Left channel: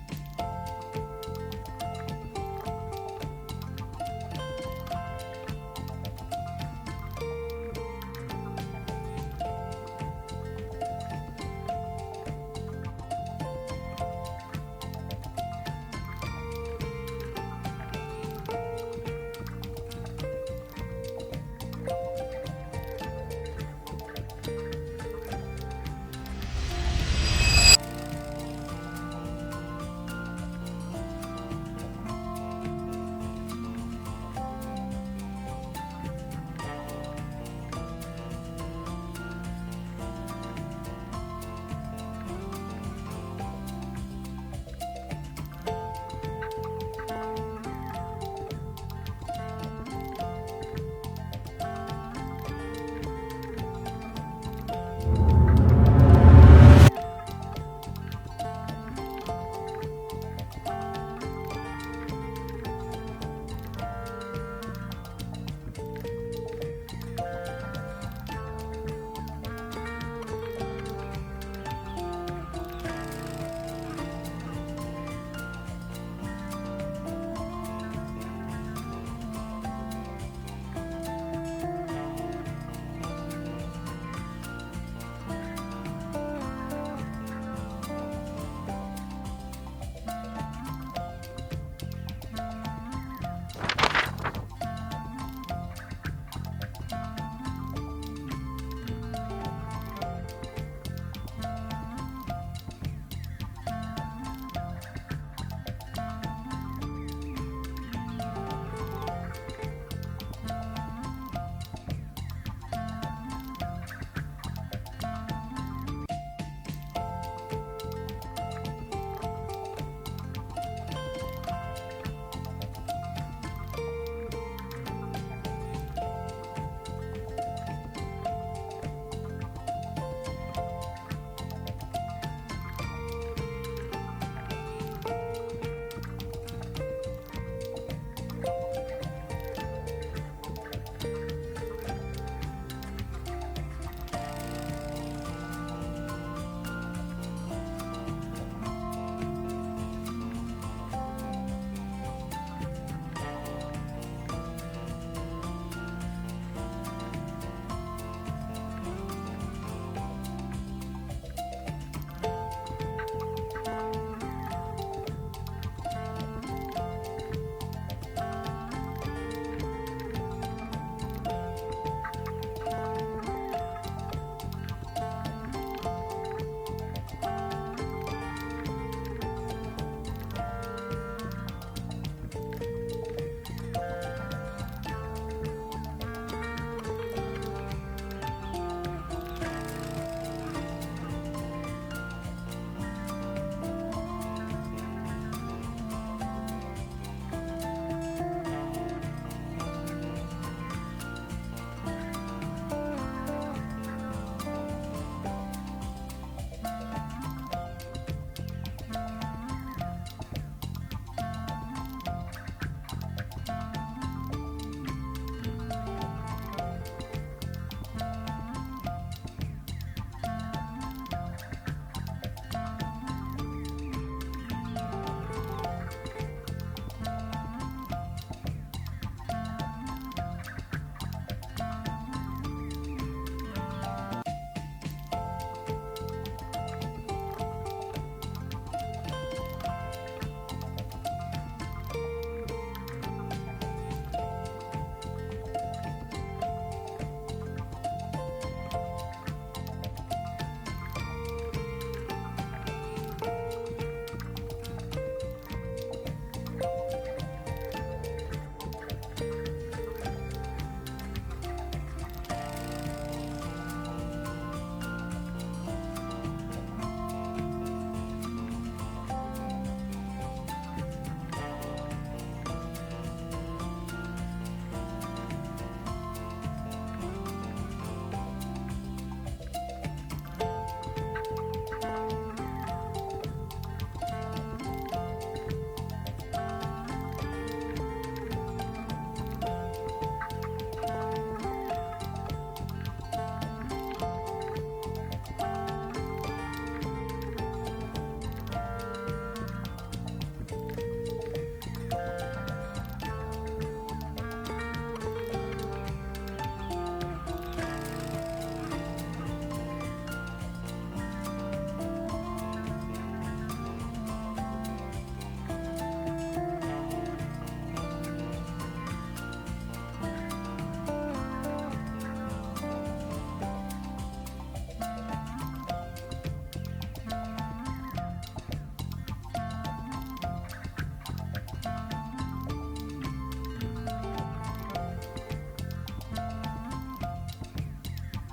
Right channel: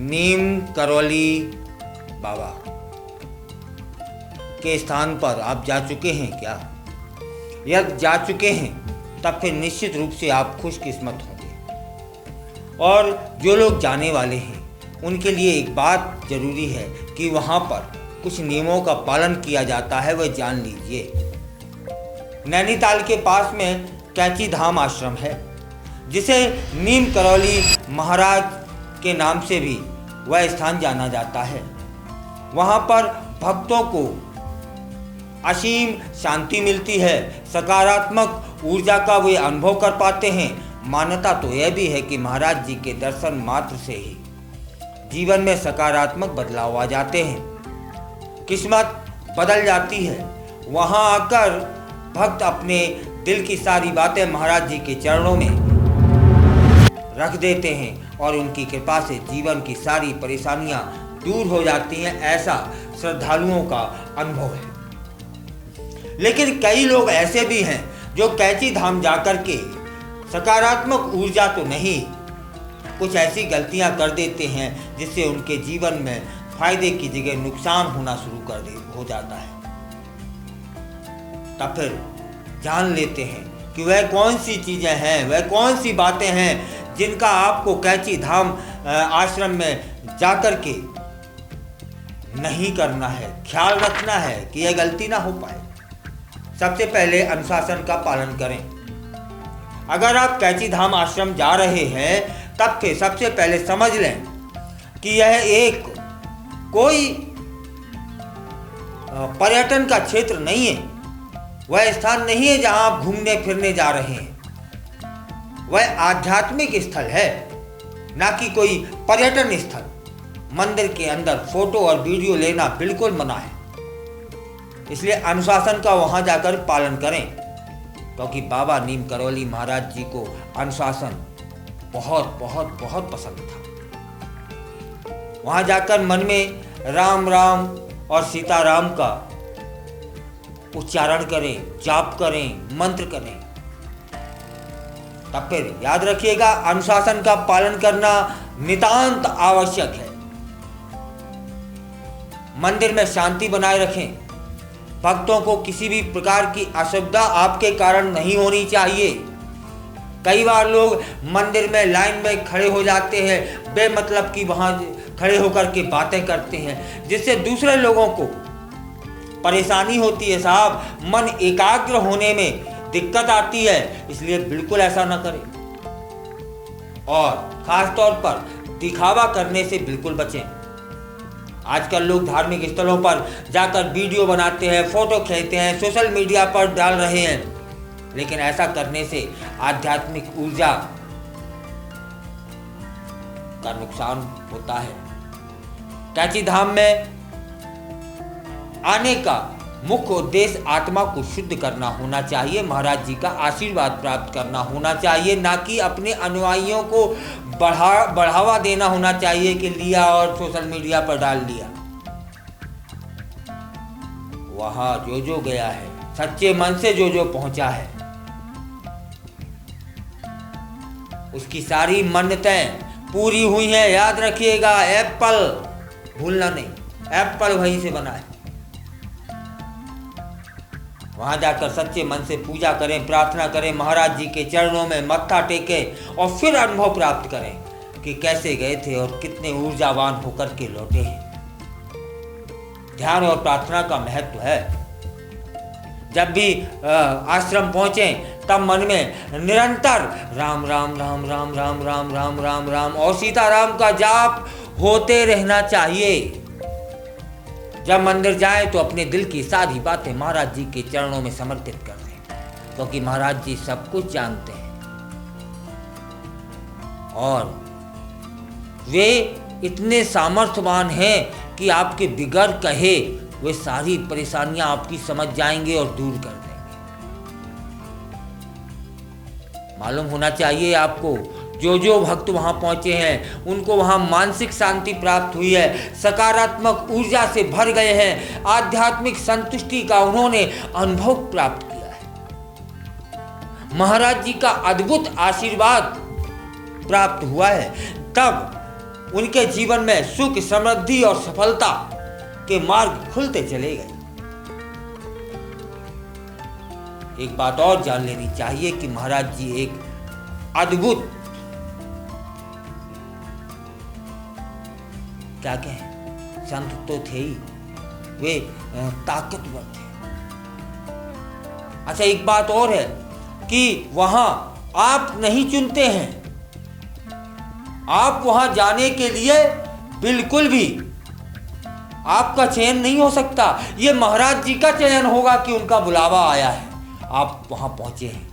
नीम करौली बाबा के स्थान पर आप जा चुके हैं क्या? यदि जा चुके हैं तब फिर निश्चित रूप से आप खुशकिस्मत होंगे। और जो लोग जाने वाले हैं उनके लिए एक बात जरूरी है कि वहाँ पर कुछ नियमों का पालन किया जाता है, वह जान लीजिए। नैनीताल के पास में कैची धाम आश्रम है, जिसे नीम करौली महाराज के नाम से भी वह स्थान जाना जाता है। वहाँ पर भक्तों को असीम शांति मिलती है, सकारात्मक ऊर्जा का वे अनुभव कर पाते हैं। मान्यता तो यह भी है कि महाराज जी के दर्शन मात्र से ही जीवन में सकारात्मक बदलाव आ जाते हैं, किस्मत बदल जाती है। वहाँ आकर भक्त अपने दिल की सारी बातें महाराज जी के चरणों में रख देते हैं और उनकी कृपा से जीवन की सारी परेशानियां दूर हो जाती हैं, ऐसा श्रद्धालुओं का अनुभव है। लेकिन कई लोग ऐसे भी हैं जो कैची धाम जाकर के सकारात्मक ऊर्जा तो नहीं, कुछ ऐसी गलतियां कर देते हैं जिससे उनके जीवन में फायदे की जगह नुकसान होना शुरू हो जाता है। तब फिर जान लेते हैं कि वह कौन सी चीजें हैं, वह कौन सी बातें हैं जिनका आपको कैची धाम आश्रम में जाकर के नहीं करना है, ख्याल रखना है कि यह गलती ना हो पाए। सबसे पहले अनुशासन का पालन करें। अगर आप कैची धाम आश्रम जा रहे हैं तब फिर सबसे पहले समझ लें कि यह एक कोई पर्यटन का क्षेत्र नहीं है, वह स्थान नहीं है जहां आप घूमने फिरने जा रहे हैं। वह आध्यात्मिक स्थल है, ना कि कोई पर्यटन स्थल। मंदिर के अंदर फोटो और वीडियो लेना बिल्कुल मना है, इसलिए अनुशासन का वहां जाकर पालन करें, क्योंकि बाबा नीम करौली महाराज जी को अनुशासन बहुत बहुत बहुत पसंद था। वहां जाकर मन में राम राम और सीताराम का उच्चारण करें, जाप करें, मंत्र करें। तब फिर याद रखिएगा, अनुशासन का पालन करना नितांत आवश्यक है। मंदिर में शांति बनाए रखें। भक्तों को किसी भी प्रकार की असुविधा आपके कारण नहीं होनी चाहिए। कई बार लोग मंदिर में लाइन में खड़े हो जाते हैं, बेमतलब की वहां खड़े होकर के बातें करते हैं, जिससे दूसरे लोगों को परेशानी होती है साहब, मन एकाग्र होने में दिक्कत आती है। इसलिए बिल्कुल ऐसा ना करें और खास तौर पर दिखावा करने से बिल्कुल बचें। आजकल लोग धार्मिक स्थलों पर जाकर वीडियो बनाते हैं, फोटो खींचते हैं, सोशल मीडिया पर डाल रहे हैं, लेकिन ऐसा करने से आध्यात्मिक ऊर्जा का नुकसान होता है। कैची धाम में आने का मुख्य उद्देश्य आत्मा को शुद्ध करना होना चाहिए, महाराज जी का आशीर्वाद प्राप्त करना होना चाहिए, ना कि अपने अनुयायियों को बढ़ावा देना होना चाहिए कि लिया और सोशल मीडिया पर डाल दिया। वहां जो गया है, सच्चे मन से जो पहुंचा है, उसकी सारी मन्नतें पूरी हुई हैं। याद रखिएगा, एप्पल भूलना नहीं, एप्पल वहीं से बना है। वहां जाकर सच्चे मन से पूजा करें, प्रार्थना करें, महाराज जी के चरणों में मत्था टेकें और फिर अनुभव प्राप्त करें कि कैसे गए थे और कितने ऊर्जावान होकर के लौटे हैं। ध्यान और प्रार्थना का महत्व है। जब भी आश्रम पहुंचे तब मन में निरंतर राम राम राम राम राम राम राम राम राम और सीताराम का जाप होते रहना चाहिए। जब मंदिर जाए तो अपने दिल की सारी बातें महाराज जी के चरणों में समर्पित कर दें, क्योंकि महाराज जी सब कुछ जानते हैं और वे इतने सामर्थ्यवान हैं कि आपके बिगड़ कहे वे सारी परेशानियां आपकी समझ जाएंगे और दूर कर देंगे। मालूम होना चाहिए आपको, जो भक्त वहां पहुंचे हैं उनको वहां मानसिक शांति प्राप्त हुई है, सकारात्मक ऊर्जा से भर गए हैं, आध्यात्मिक संतुष्टि का उन्होंने अनुभव प्राप्त किया है, महाराज जी का अद्भुत आशीर्वाद प्राप्त हुआ है। तब उनके जीवन में सुख, समृद्धि और सफलता के मार्ग खुलते चले गए। एक बात और जान लेनी चाहिए कि महाराज जी एक अद्भुत, क्या कहें, संत तो थे ही, वे ताकतवर थे। अच्छा, एक बात और है कि वहां आप नहीं चुनते हैं, आप वहां जाने के लिए बिल्कुल भी आपका चयन नहीं हो सकता। ये महाराज जी का चयन होगा कि उनका बुलावा आया है, आप वहां पहुंचे हैं।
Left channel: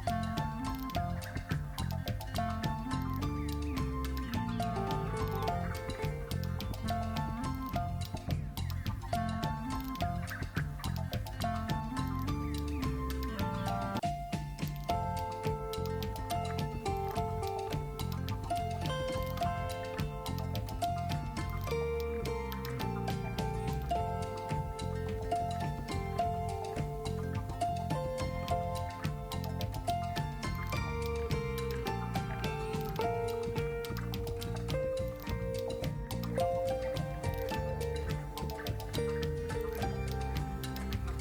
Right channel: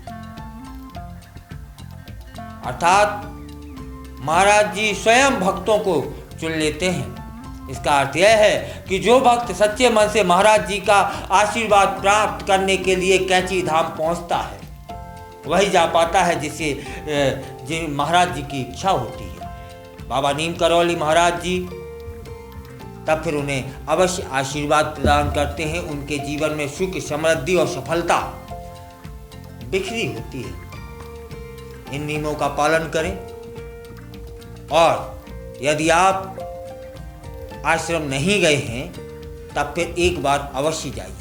अर्थात महाराज जी स्वयं भक्तों को चुन लेते हैं। इसका अर्थ यह है कि जो भक्त सच्चे मन से महाराज जी का आशीर्वाद प्राप्त करने के लिए कैंची धाम पहुंचता है, वही जा पाता है जिसे महाराज जी की इच्छा होती है। बाबा नीम करौली महाराज जी तब फिर उन्हें अवश्य आशीर्वाद प्रदान करते हैं। उनके जीवन में सुख, समृद्धि और सफलता बिखरी होती है। इन नियमों का पालन करें और यदि आप आश्रम नहीं गए हैं तब फिर एक बार अवश्य जाइए।